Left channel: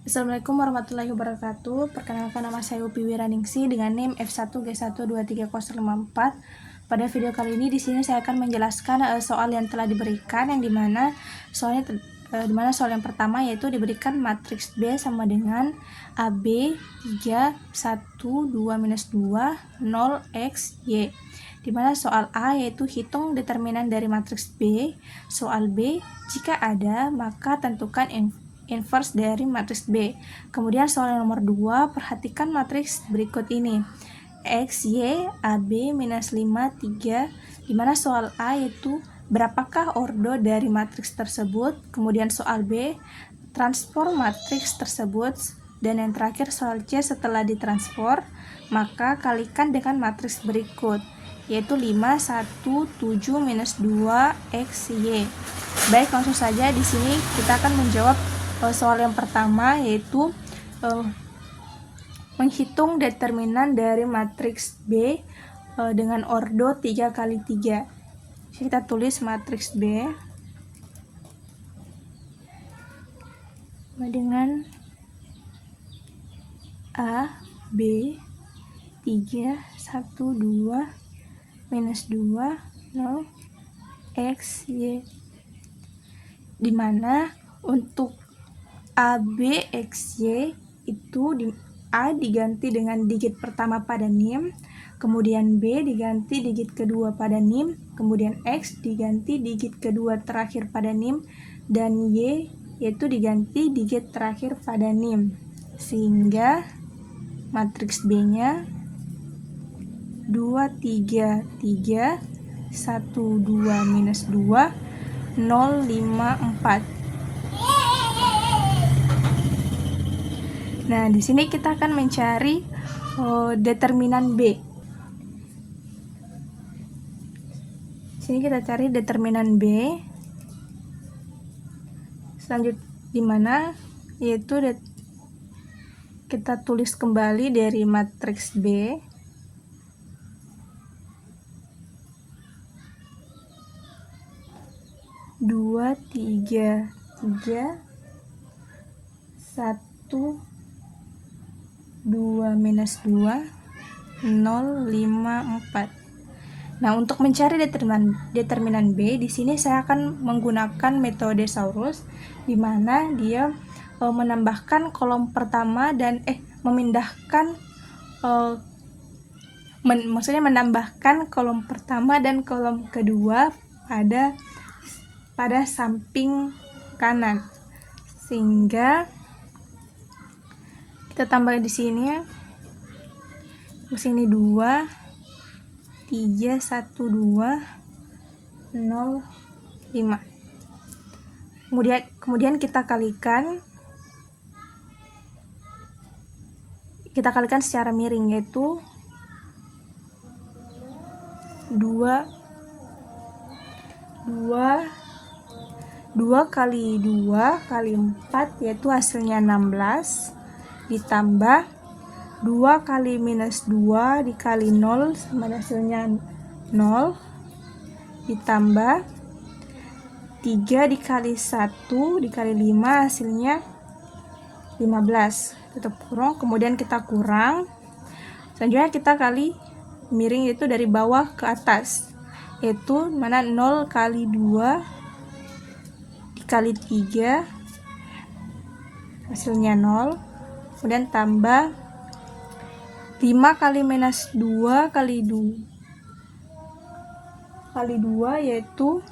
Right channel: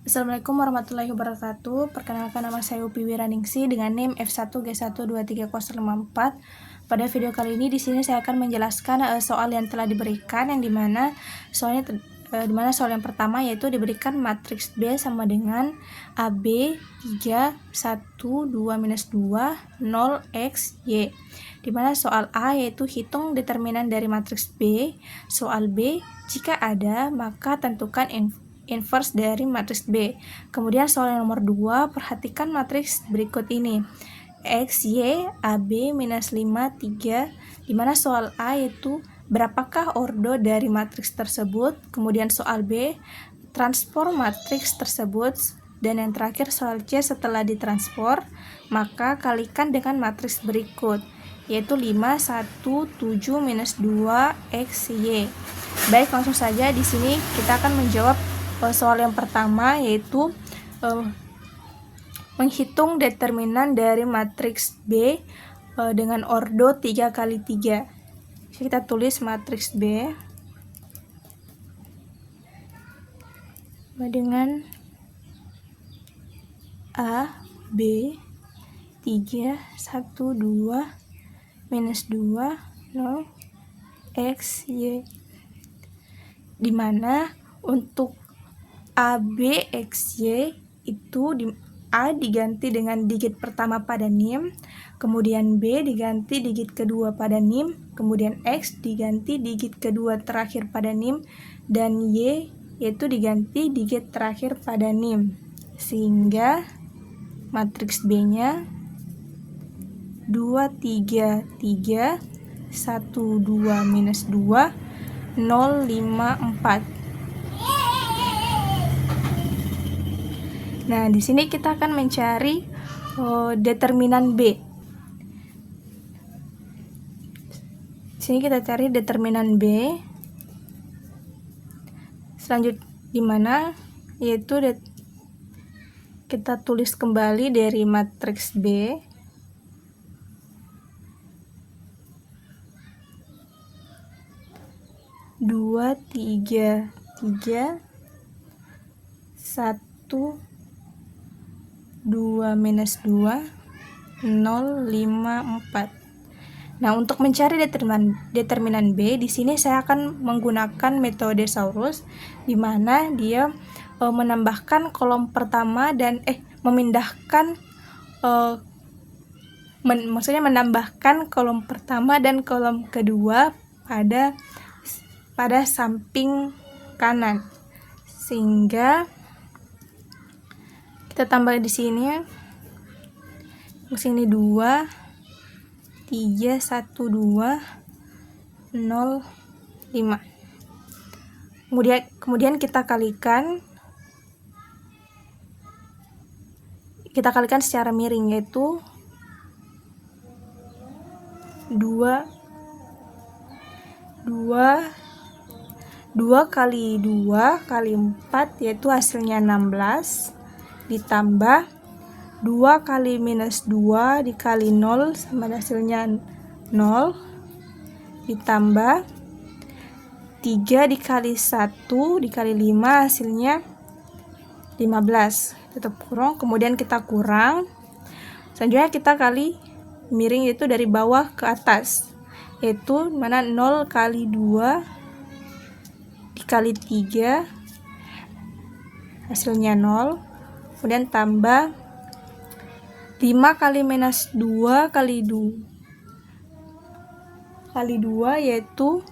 Assalamualaikum warahmatullahi wabarakatuh. Perkenalkan, nama saya Upi Wiraningsih dengan NIM F1G12304. Pada video kali ini di sini saya akan menjelaskan soal yang telah diberikan, yang dimana soal yang pertama yaitu diberikan matriks B sama dengan AB 3 1 2 minus 2 0 X Y. Dimana soal A yaitu hitung determinan dari matriks B, soal B jika ada maka tentukan inverse dari matriks B. Kemudian soal yang nomor 2, perhatikan matriks berikut ini. X, Y, AB, minus 5, 3, dimana soal A yaitu berapakah ordo dari matriks tersebut. Kemudian soal B, transform matriks tersebut. Dan yang terakhir soal C, setelah ditransform, maka kalikan dengan matriks berikut, yaitu 5, 1, 7, minus 2, X, Y. Baik, langsung saja di sini kita akan menjawab soal yang pertama, yaitu menghitung determinan dari matriks B dengan ordo 3 kali 3. Kita tulis matriks B dengan A, B, 3, 1, 2, minus 2, 0, X, Y. Dimana untuk A, B, X, Y itu A diganti dengan digit pertama pada NIM, kemudian B diganti digit kedua pada NIM, kemudian X diganti digit kedua terakhir pada NIM, dan Y yaitu diganti digit terakhir pada NIM. Sehingga matriks B-nya 2, 3, 3, 1, 2, minus 2, 0, 5, 4. Nah, di sini kita akan mencari determinan B. Di sini kita cari determinan B. Selanjutnya di mana yaitu kita tulis kembali dari matriks B. Dua, tiga, tiga, 1, 2, minus 2, 0, 5, 4. Nah, untuk mencari determinan B, di sini saya akan menggunakan metode Saurus, di mana dia menambahkan kolom pertama dan memindahkan maksudnya menambahkan kolom pertama dan kolom kedua pada samping kanan, sehingga kita tambah di sini 2, 3, 1, 2, 0, 5. Kemudian kita kalikan secara miring, yaitu 2 kali 2 kali 4 yaitu hasilnya 16, ditambah 2 kali minus 2 dikali 0 sama hasilnya 0, ditambah 3 dikali 1 dikali 5 hasilnya 15, tetap kurang. Kemudian kita kurang, selanjutnya kita kali miring, yaitu dari bawah ke atas, yaitu mana 0 kali 2 dikali 3 hasilnya 0, kemudian tambah 5 kali minus 2 kali 2 yaitu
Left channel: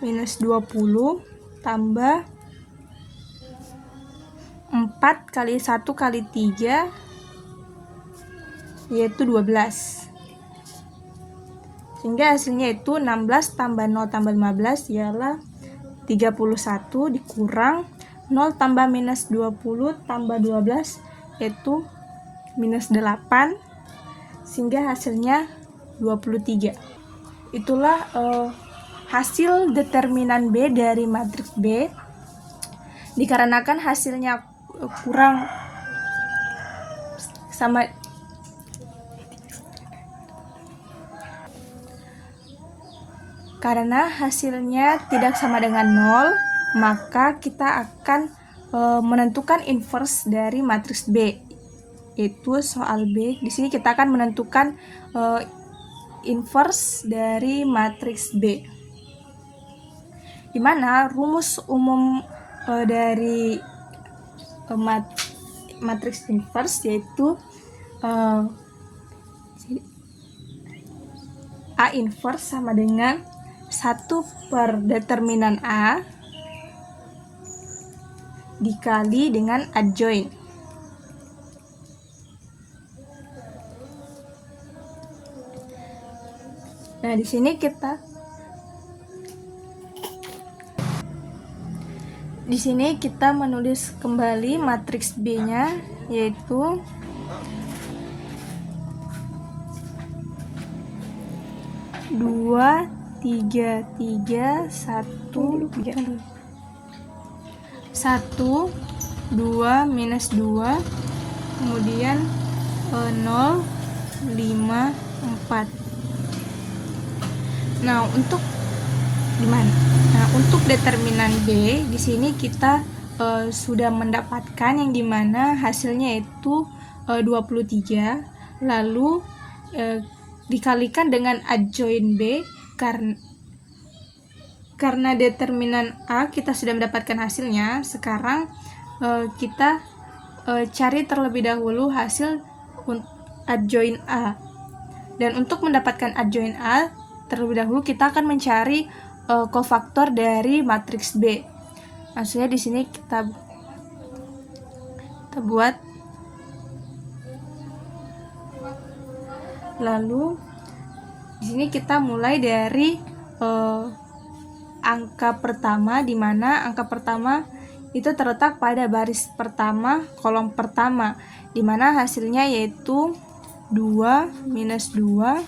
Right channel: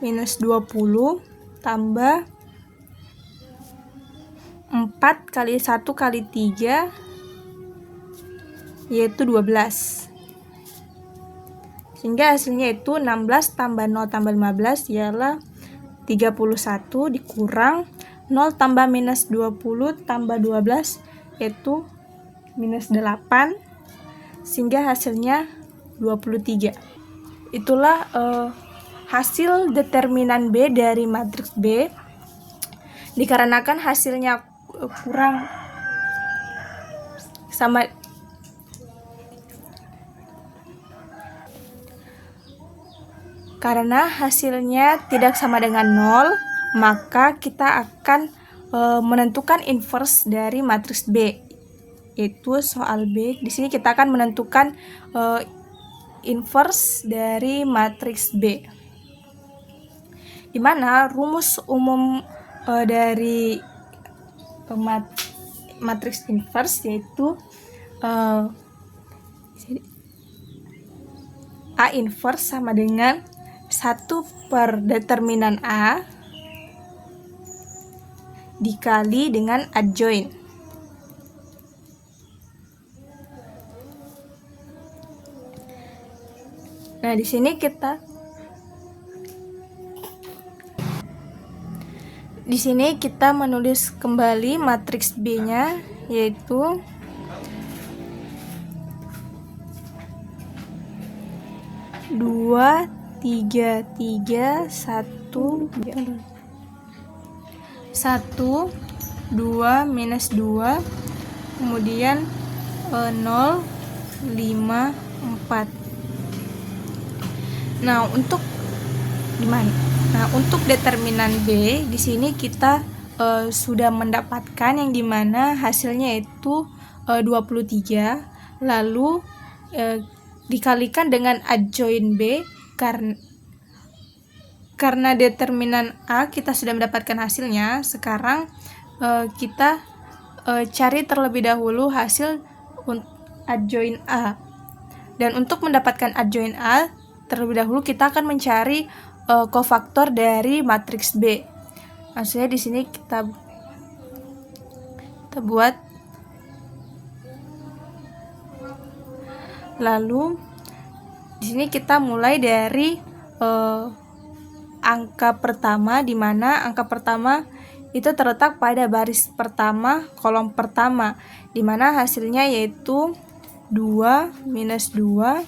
minus 20, tambah 4 kali 1 kali 3 yaitu 12, sehingga hasilnya itu 16 tambah 0 tambah 15 ialah 31, dikurang 0 tambah minus 20 tambah 12 yaitu minus 8, sehingga hasilnya 23. Itulah hasil determinan B dari matriks B. Dikarenakan hasilnya kurang sama karena hasilnya tidak sama dengan 0, maka kita akan menentukan inverse dari matriks B, yaitu soal B. Di sini kita akan menentukan inverse dari matriks B, di mana rumus umum dari matriks inverse yaitu A inverse sama dengan 1 per determinan A dikali dengan adjoint. Nah, di sini kita menulis kembali matriks B-nya, yaitu dua, tiga, tiga, satu, 2 minus 2, kemudian 0, 5, 4. Nah, untuk determinan B di sini kita sudah mendapatkan yang dimana hasilnya itu 23, lalu dikalikan dengan adjoint B, karena determinan A kita sudah mendapatkan hasilnya. Sekarang kita cari terlebih dahulu hasil adjoint A, dan untuk mendapatkan adjoint A terlebih dahulu kita akan mencari kofaktor dari matriks B. Maksudnya di sini kita buat, lalu di sini kita mulai dari angka pertama, di mana angka pertama itu terletak pada baris pertama kolom pertama, di mana hasilnya yaitu 2 minus 2,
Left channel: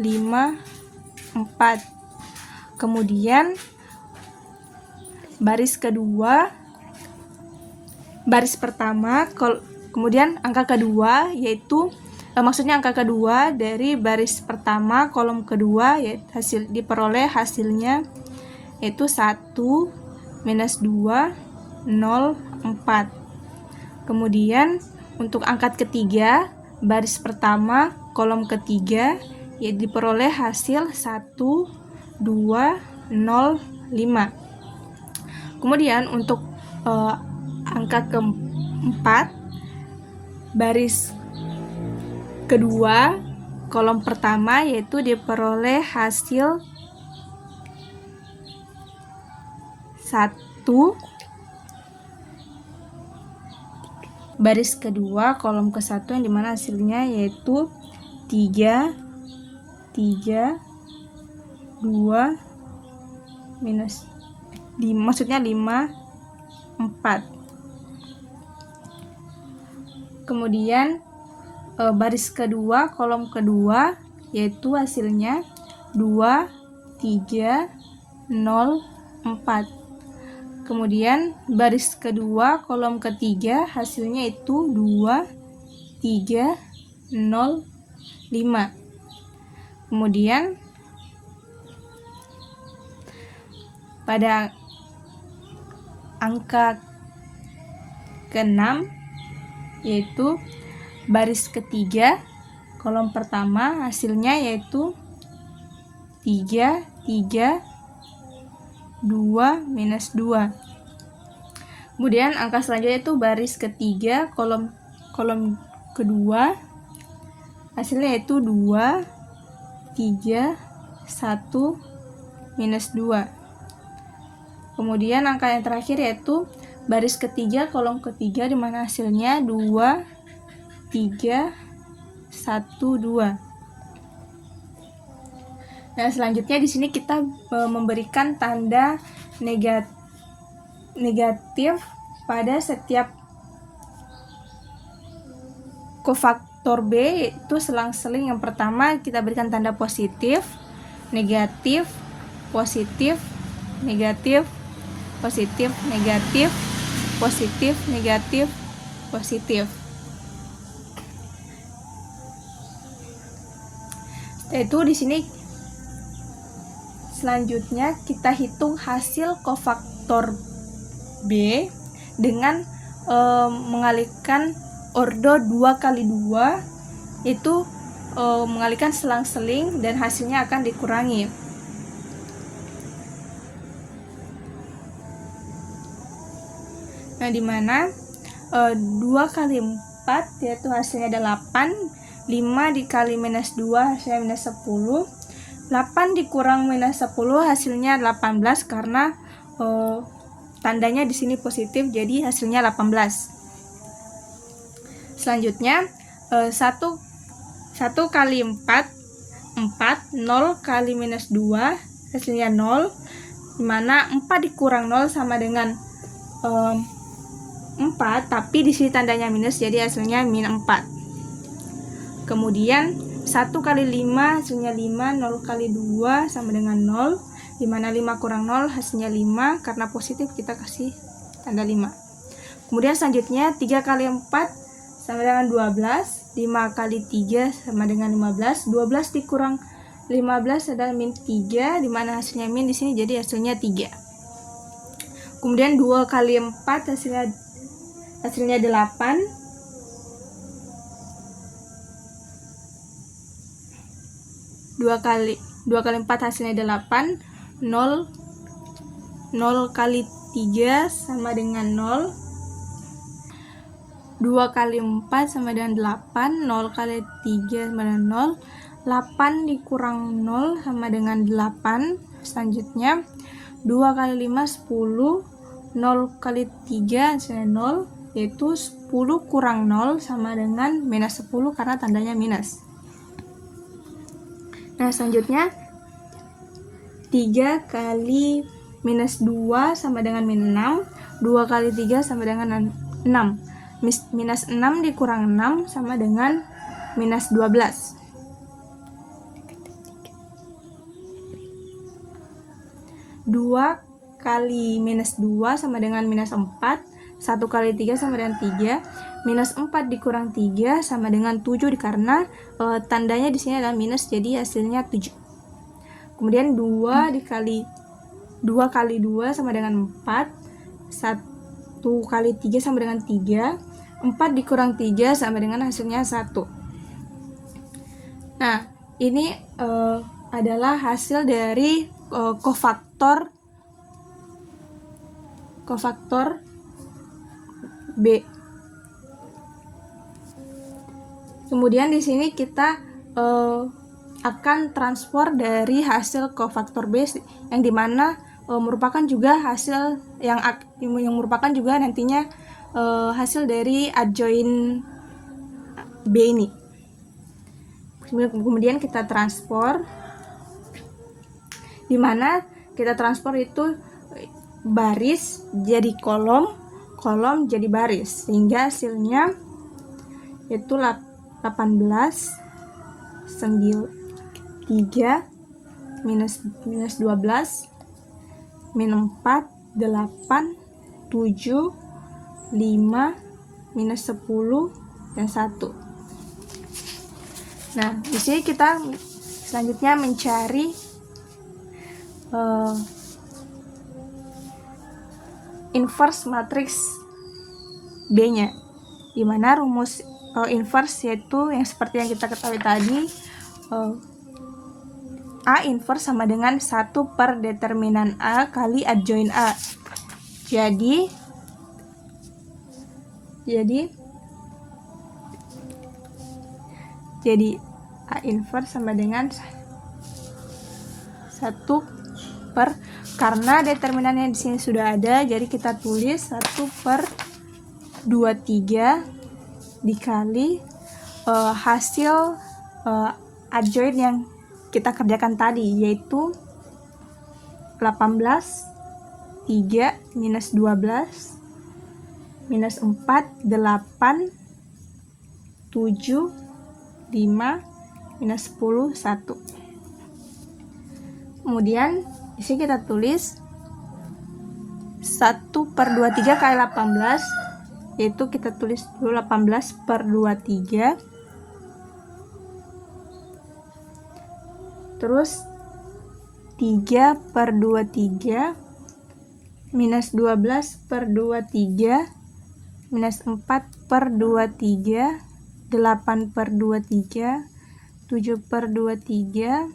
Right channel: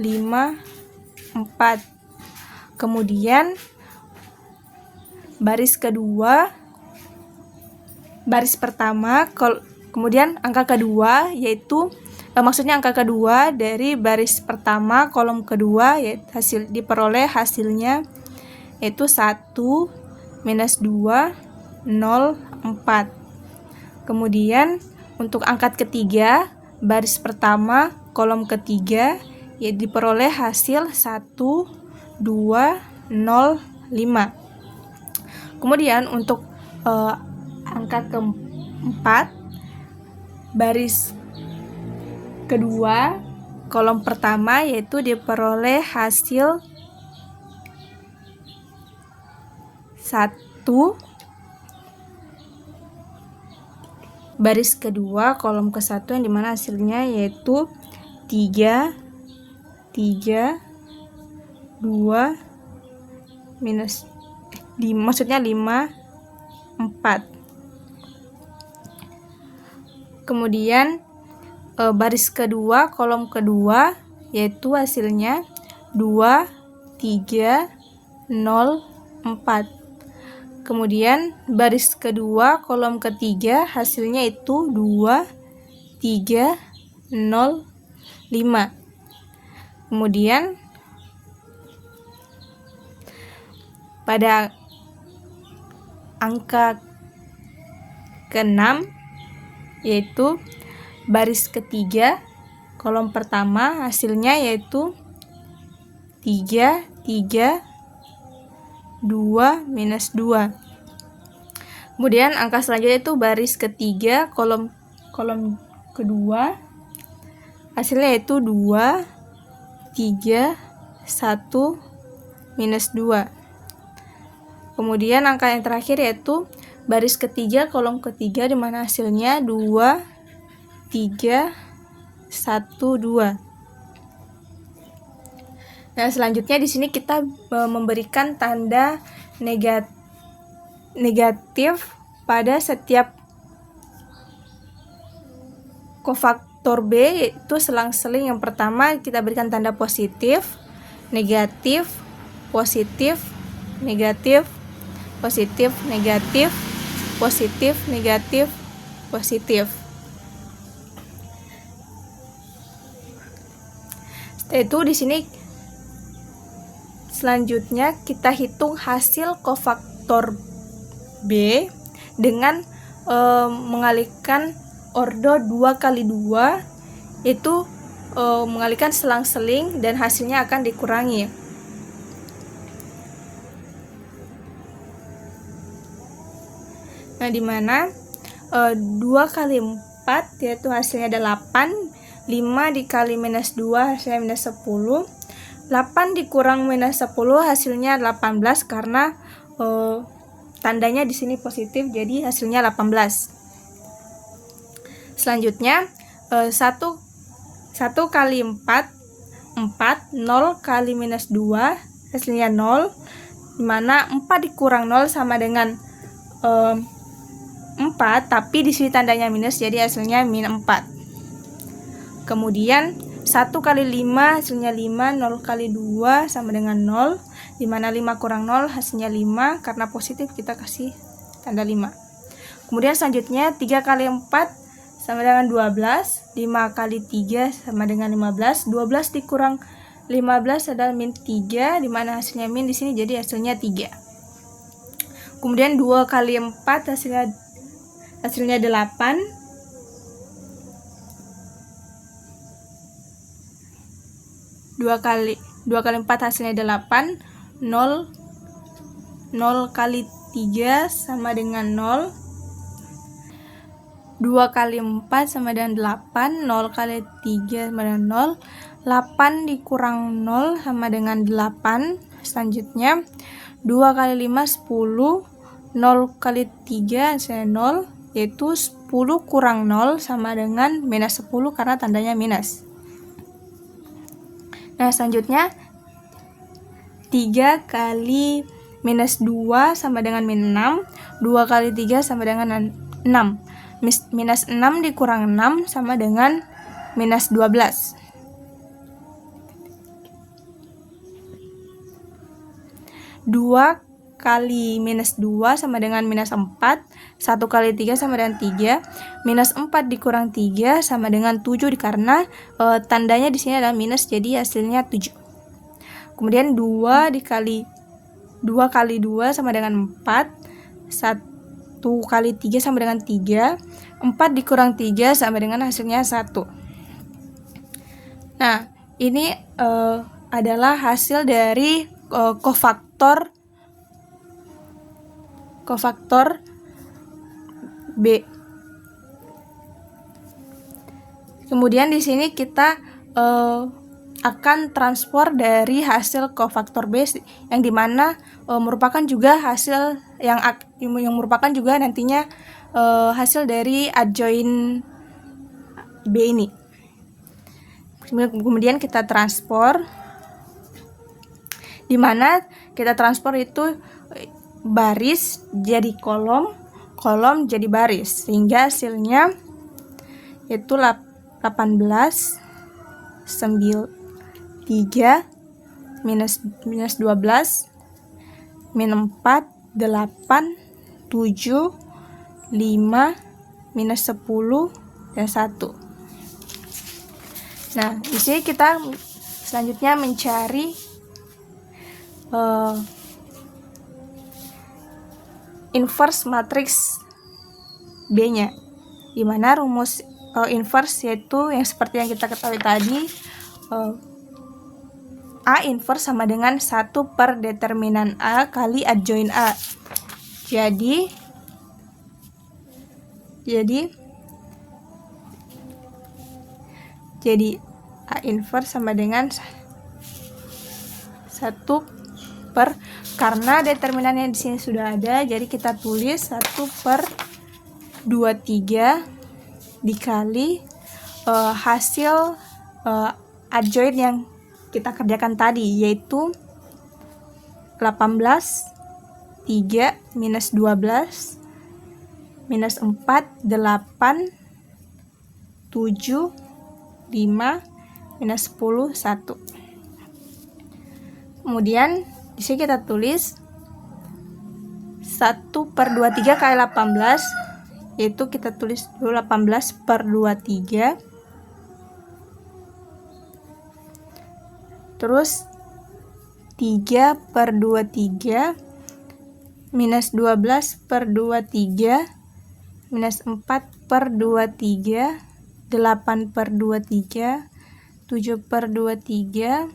5, 4. Kemudian baris pertama, kemudian angka kedua yaitu maksudnya angka kedua dari baris pertama kolom kedua, yaitu diperoleh hasilnya yaitu 1 minus 2, 0, 4. Kemudian untuk angka ketiga baris pertama kolom ketiga, diperoleh hasil 1, 2, 0, 5. Kemudian untuk angka keempat baris kedua kolom pertama, yaitu diperoleh hasil 1, baris kedua kolom ke-1 yang dimana hasilnya yaitu 3, 2 minus 5, maksudnya 5, 4. Kemudian baris kedua kolom kedua yaitu hasilnya 2, 3, 0, 4. Kemudian baris kedua kolom ketiga hasilnya itu 2, 3, 0, 5. Kemudian pada angka ke-6 yaitu baris ketiga kolom pertama hasilnya yaitu 3, 3, 2 minus 2. Kemudian angka selanjutnya itu baris ketiga kolom kedua hasilnya yaitu 2, 3, 1 minus 2. Kemudian angka yang terakhir yaitu baris ketiga kolom ketiga, di mana hasilnya 2, 3, 1, 2. Nah, selanjutnya di sini kita memberikan tanda negatif pada setiap kofaktor B, yaitu selang-seling. Yang pertama kita berikan tanda positif, negatif, positif, negatif, positif, negatif, positif, negatif, positif. Itu di sini selanjutnya kita hitung hasil kofaktor B, dengan mengalihkan ordo 2 kali 2, itu mengalihkan selang-seling dan hasilnya akan dikurangi. Nah, dimana 2 kali 4 yaitu hasilnya ada 8, 5 dikali minus 2 hasilnya minus 10, 8 dikurang minus 10 hasilnya 18 karena tandanya di sini positif, jadi hasilnya 18. Selanjutnya 1 kali 4, 0 kali minus 2 hasilnya 0, dimana 4 dikurang 0 sama dengan 4, tapi di sini tandanya minus, jadi hasilnya min 4. Kemudian 1 kali 5 hasilnya 5, 0 kali 2 sama dengan 0, dimana 5 kurang 0 hasilnya 5, karena positif kita kasih tanda 5. Kemudian selanjutnya 3 kali 4 sama dengan 12, 5 kali 3 sama dengan 15, 12 dikurang 15 adalah min 3, dimana hasilnya min di sini, jadi hasilnya 3. Kemudian 2 kali 4 hasilnya 8, 2 kali 4 hasilnya 8, 0 kali 3 sama dengan 0, 2 kali 4 sama dengan 8, 0 kali 3 sama dengan 0, 8 dikurang 0 sama dengan 8. Selanjutnya 2 kali 5 10, 0 kali 3 hasilnya 0, yaitu 10 kurang 0 sama dengan minus 10 karena tandanya minus. Nah, selanjutnya 3 kali minus 2 sama dengan min 6, 2 kali 3 sama dengan 6, minus 6 dikurang 6 sama dengan minus 12. 2 kali minus 2 sama dengan minus 4, 1 kali 3 sama dengan 3, minus 4 dikurang 3 sama dengan 7, karena tandanya di sini adalah minus, jadi hasilnya 7. Kemudian 2 kali 2 sama dengan 4, 1 kali 3 sama dengan 3, 4 dikurang 3 sama dengan hasilnya 1. Nah, ini adalah hasil dari kofaktor B. Kemudian di sini kita akan transfer dari hasil kofaktor B yang dimana merupakan juga hasil yang merupakan juga nantinya hasil dari adjoint B ini. Kemudian kita transfer, dimana kita transfer itu baris jadi kolom, kolom jadi baris, sehingga hasilnya yaitu 18, 3, minus 12, min 4, 8, 7, 5, minus 10, dan 1. Nah, di sini kita selanjutnya mencari inverse matriks B-nya, dimana rumus inverse yaitu yang seperti yang kita ketahui tadi, A inverse sama dengan 1 per determinan A kali adjoint A. Jadi A inverse sama dengan 1 per, karena determinannya di sini sudah ada, jadi kita tulis 1 per 23 dikali hasil adjoint yang kita kerjakan tadi, yaitu 18, 3, minus 12, minus 4, 8, 7, 5, minus 10, 1. Kemudian di sini kita tulis 1 per 23 kali 18, yaitu kita tulis dulu 18 per 23, terus 3 per 23 minus 12 per 23, minus 4 per 23, 8 per 23, 7 per 23,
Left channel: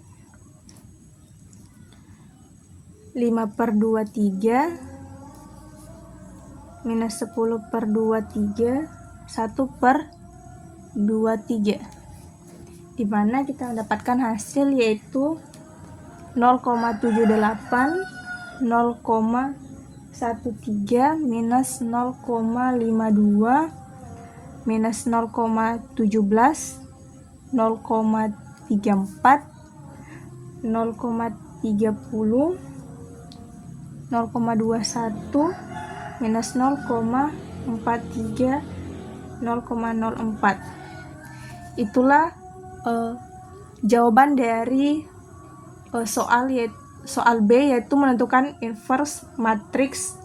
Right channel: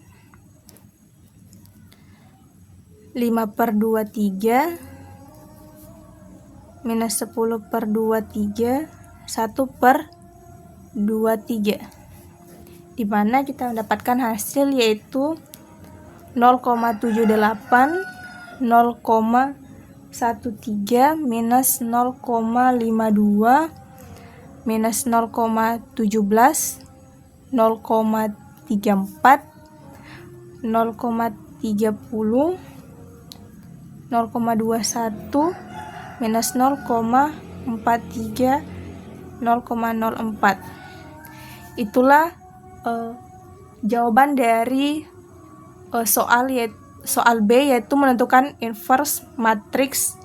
5 per 23, minus 10 per 23, 1 per 23, dimana kita mendapatkan hasil yaitu 0,78, 0,13, minus 0,52, minus 0,17, 0,34, 0,30, 0,21, minus 0,43, 0,04. Itulah jawaban dari soal B, yaitu menentukan inverse matriks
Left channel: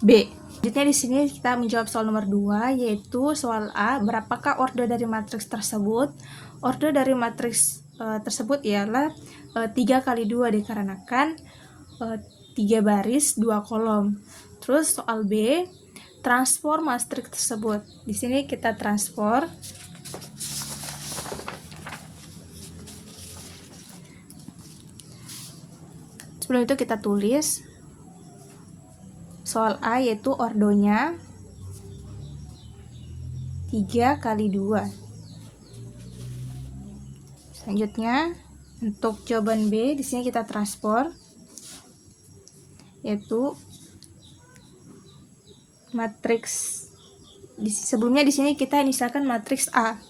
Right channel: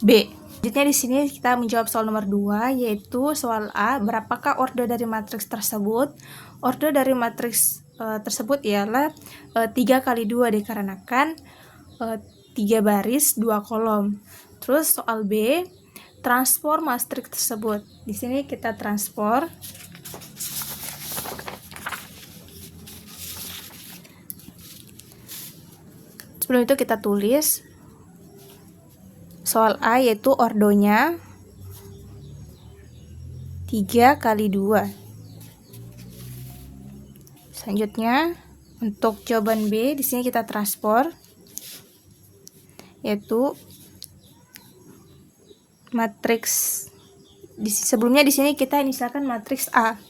B. Selanjutnya di sini kita menjawab soal nomor 2, yaitu soal A, berapakah order dari matriks tersebut? Order dari matriks tersebut ialah 3 kali 2 dikarenakan 3 baris 2 kolom. Terus soal B, transform matriks tersebut. Di sini kita transform. Sebelum itu kita tulis soal A, yaitu ordonya 3 kali 2. Selanjutnya untuk jawaban B, di sini kita transform, yaitu matriks sebelumnya di sini kita misalkan matriks A.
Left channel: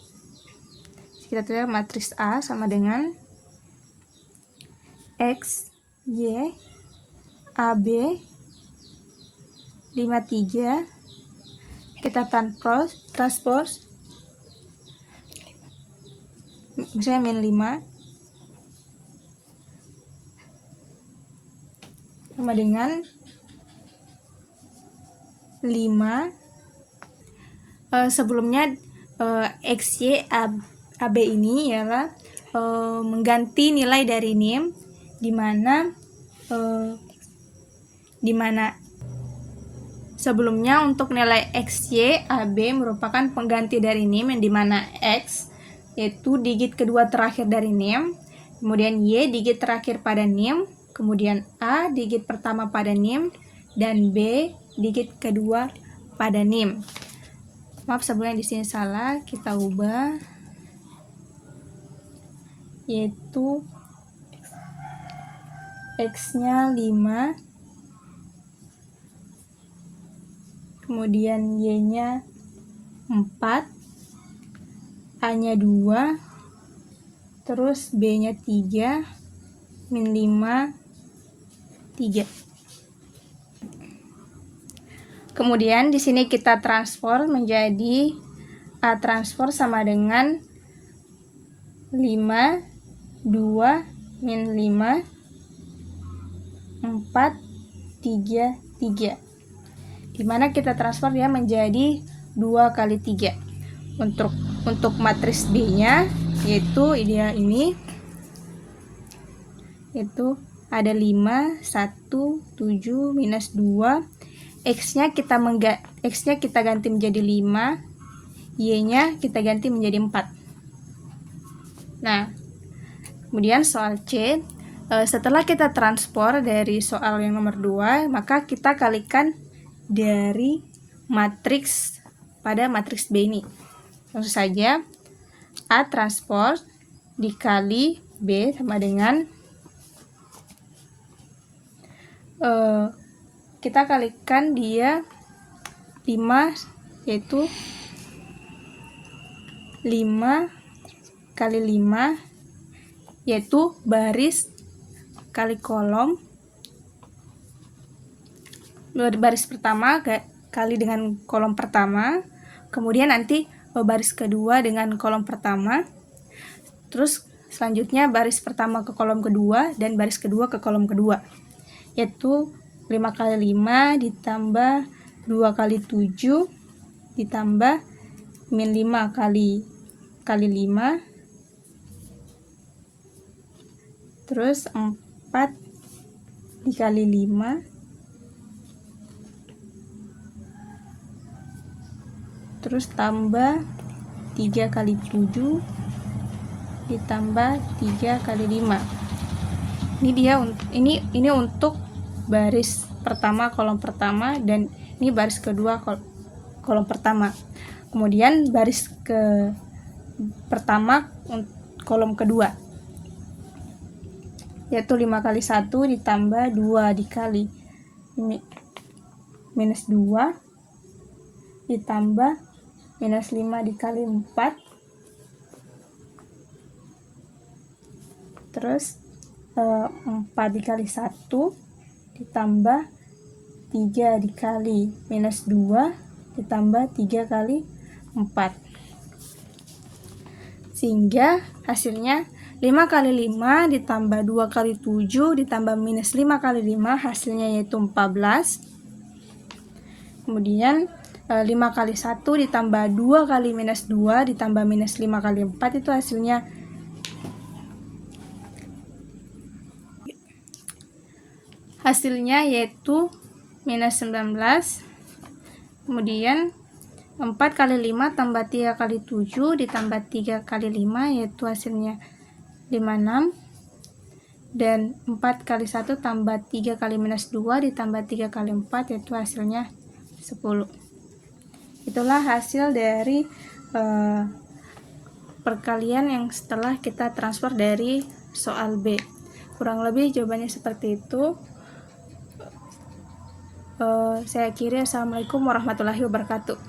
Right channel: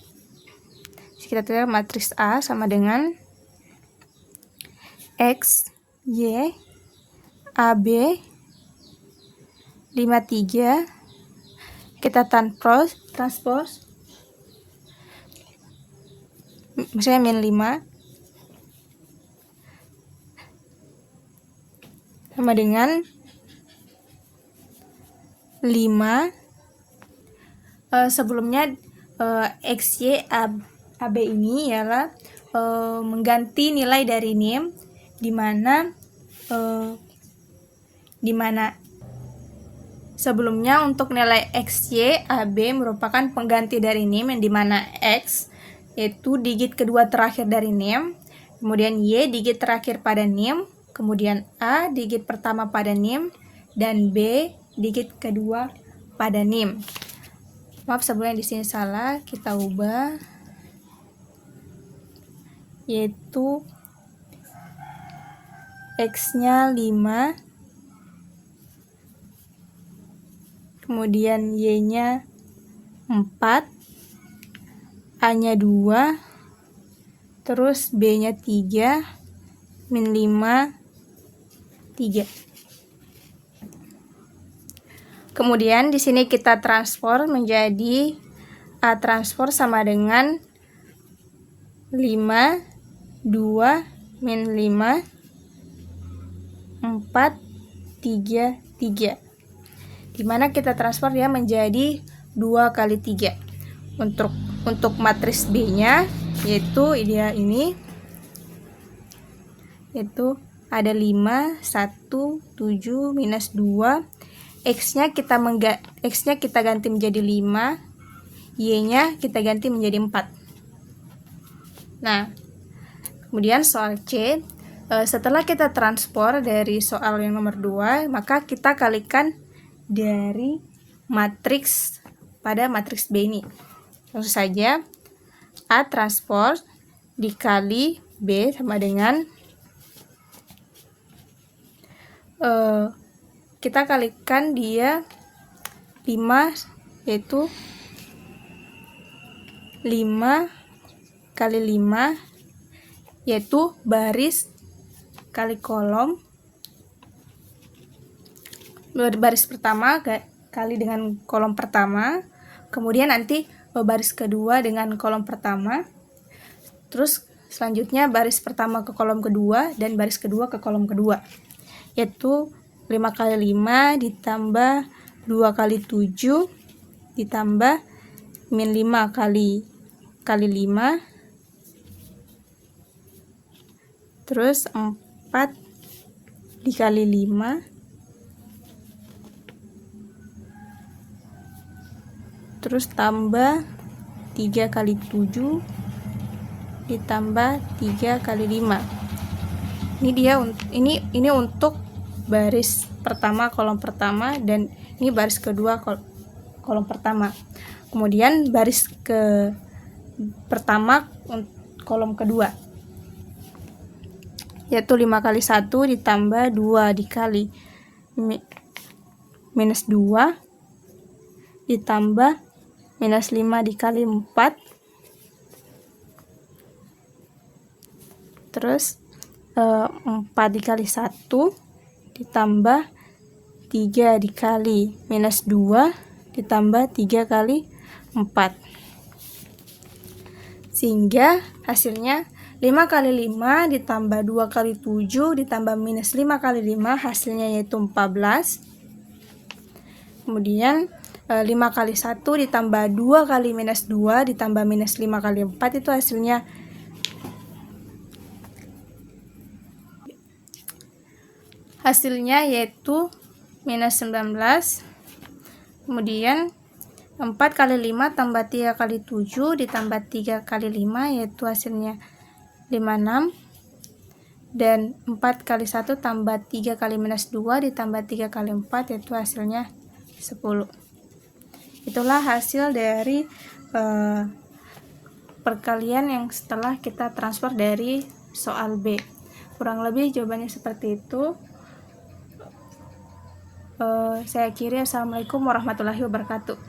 Kita tulis matriks A sama dengan X, Y, AB, 53. Kita transpose, misalnya min 5 sama dengan 5. Sebelumnya XY AB ini ialah mengganti nilai dari NIM, dimana sebelumnya untuk nilai XY AB merupakan pengganti dari NIM, yang dimana X yaitu digit kedua terakhir dari NIM, kemudian Y digit terakhir pada NIM, kemudian A digit pertama pada NIM, dan B digit kedua pada NIM. Maaf sebelumnya di sini salah, kita ubah, yaitu X-nya 5, kemudian Y-nya 4, A-nya 2, terus B-nya 3, min 5, 3. Kemudian di sini kita transform menjadi A transport sama dengan 5, 2, min 5, 4, 3, 3. Dimana kita transfer dia menjadi 2 kali 3. Untuk matriks B-nya, yaitu dia ini, yaitu ada 5, 1, 7, minus 2. X-nya kita ganti menjadi 5, Y-nya kita ganti menjadi 4. Nah, kemudian soal C, setelah kita transport dari soal yang nomor 2, maka kita kalikan dari matriks pada matriks B ini. Langsung saja A transport dikali B sama dengan kita kalikan dia 5, yaitu 5 kali 5, yaitu baris kali kolom, baris pertama kali dengan kolom pertama, kemudian nanti baris kedua dengan kolom pertama, terus selanjutnya baris pertama ke kolom kedua dan baris kedua ke kolom kedua, yaitu 5 kali 5 ditambah 2 kali 7 ditambah min 5 kali 5, terus 4 dikali 5 terus tambah 3 kali 7 ditambah 3 kali 5. Ini untuk baris pertama, kolom pertama, dan ini baris kedua, kolom pertama. Kemudian baris ke pertama kolom kedua, yaitu 5 kali 1 ditambah 2 dikali minus 2 ditambah minus 5 dikali 4, terus 4 dikali 1 ditambah 3 dikali minus 2 ditambah 3 kali 4, sehingga hasilnya 5 kali 5 ditambah 2 kali 7 ditambah minus 5 kali 5, hasilnya yaitu 14. Kemudian 5 kali 1 ditambah 2 kali minus 2 ditambah minus 5 kali 4, itu hasilnya yaitu minus 19. Kemudian 4 kali 5 tambah 3 kali 7 ditambah 3 kali 5, yaitu hasilnya 56. Dan 4 kali 1 tambah 3 kali minus 2 ditambah 3 kali 4, yaitu hasilnya 10. Itulah hasil dari perkalian yang setelah kita transfer dari soal B. Kurang lebih jawabannya seperti itu. Saya akhiri. Assalamualaikum warahmatullahi wabarakatuh.